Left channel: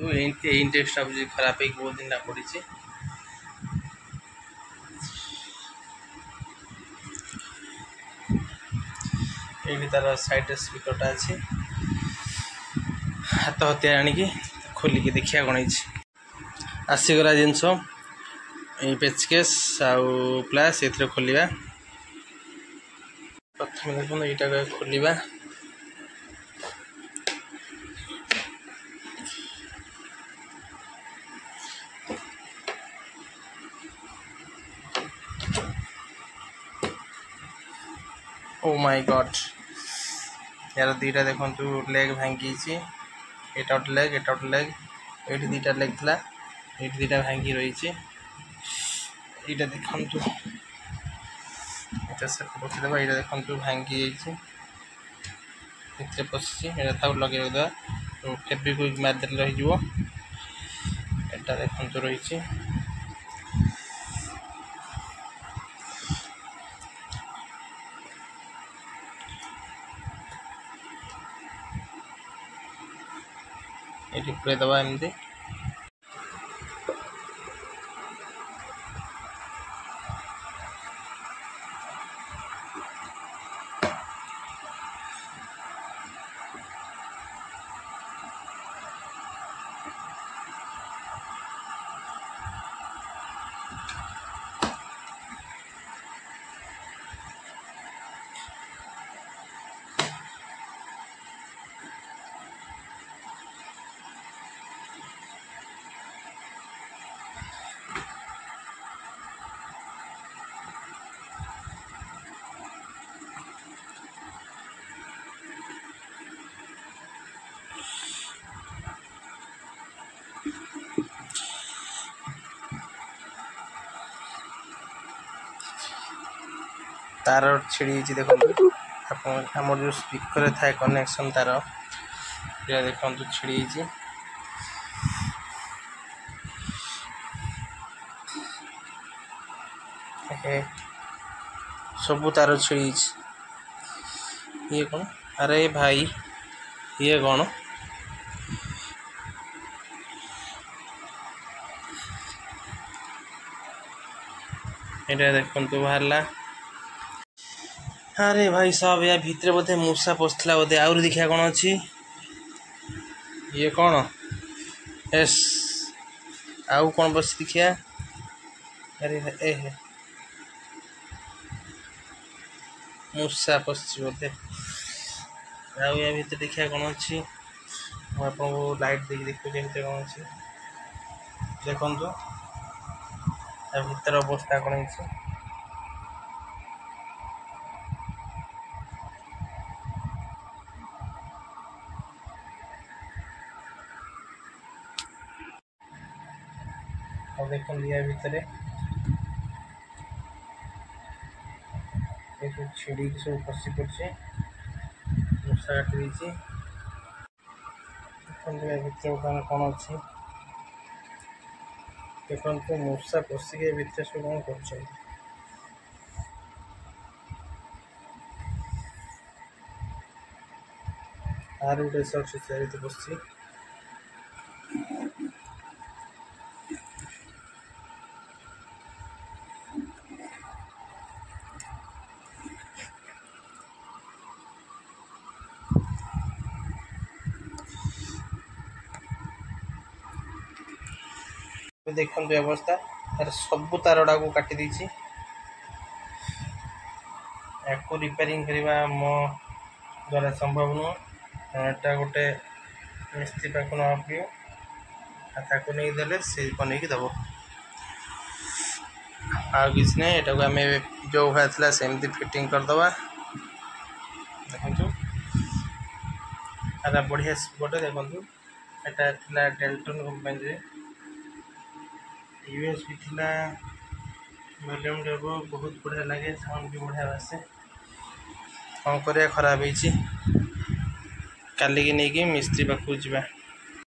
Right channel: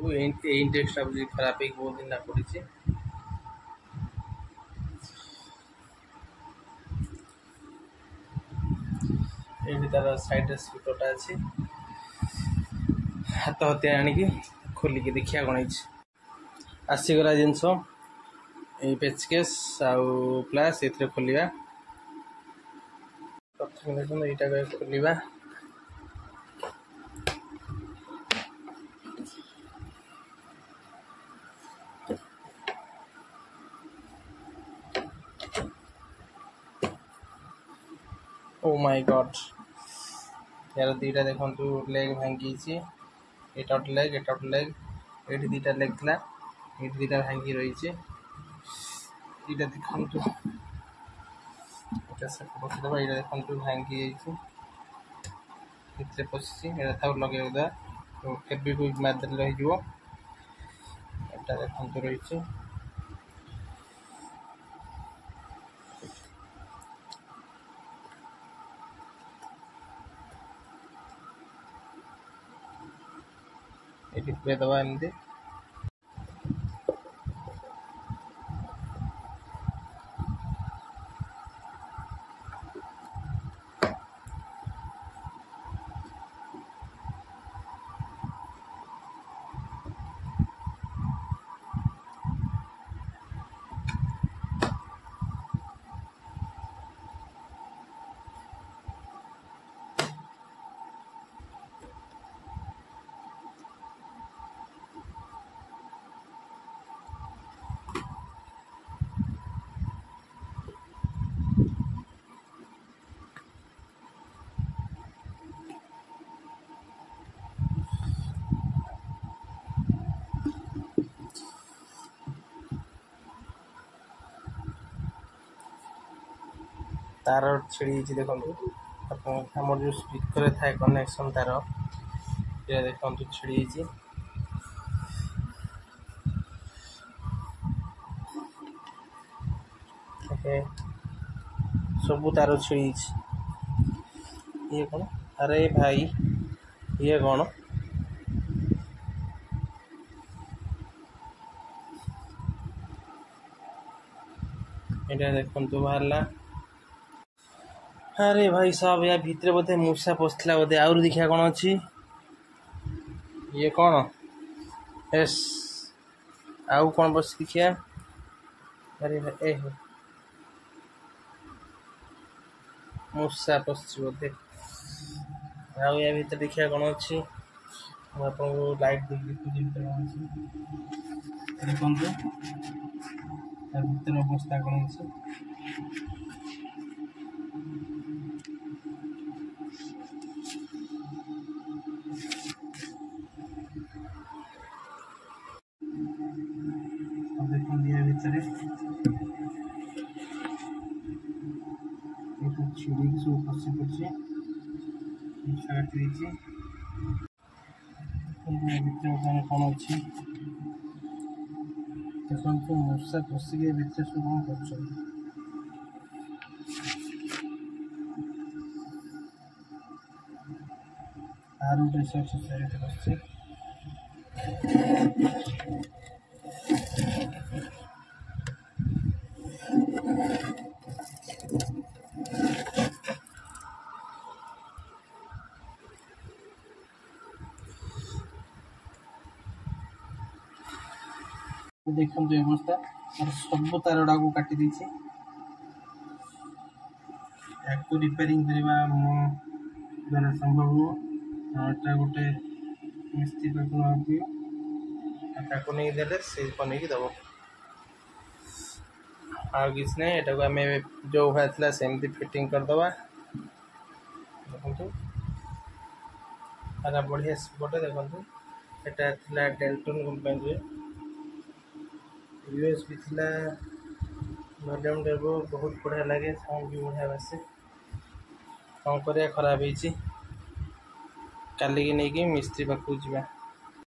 इंडेक्सटा बुझे खराब है बहुत दिन पड़ी ये तार साइड स्पीकरटा अच्छी हाथ हत्या आणिकी खोलिकी देखिया कौन आसीगला जिनस ये पेचकेस आउ प्लास ये खोलिया प्रथम देखो यहाँ खोलिया ओ माय गॉड यार दीटा देखु लेग भांगी एटा गोटे लेग एटा गोटे लेग ये दीटा लेग था ये दीटा भांगी रही यहाँ देखु यहाँ से रखीदेव यहाँ देखु भांगी जाइए पशि था लगे फेब्रिक मारिदे रही देखु रही ये पूरे दबा एमती तार छिड़ी देखो आम जो स्पीकर थाए कनेक्शन तार ये देखो छिड़ी सबू तार छिड़ी ये कौन अरे भाई ये कौन ये देखो बाहर अरे भाई साहब या भितर बोधे मूसा पशला बोधे आउरी देखा कौन अच्छी ये कौन एस आउ कौन बस देखिया अरे ए मूसा पशि बोधे आउ या भितर देखा कौन अच्छी आपको लाइट देखिए देखुचे भितर कौन अच्छी देखु भितर अवस्था कौन है देखो या भितर छिड़ी सब फसी पड़े मूसा काटी भितर कौन अच्छी देखो मूसा पशिक भितर सब कौन कर आर गोटे अच्छे पशि देखो अवस्था तार सब तारटा को काटी देछि याको रिपेयरिंग करवा मो द्वारा संभव नुह एटा गोटे मिस्त्री पाक नहीं देले से बन दब आ किसी नहीं एटा को आम जो भाई था सेमती फिटिंग करदे देखु बढ़िया बटे देखु एटा डेल्टन कंपनी यूएसबी थिला वॉल्यूम डबो बहुत बढ़िया लगे साउंड भी बढ़िया आसे कौन कर खराब काली की नहीं कि मिस्त्री पाखु जा।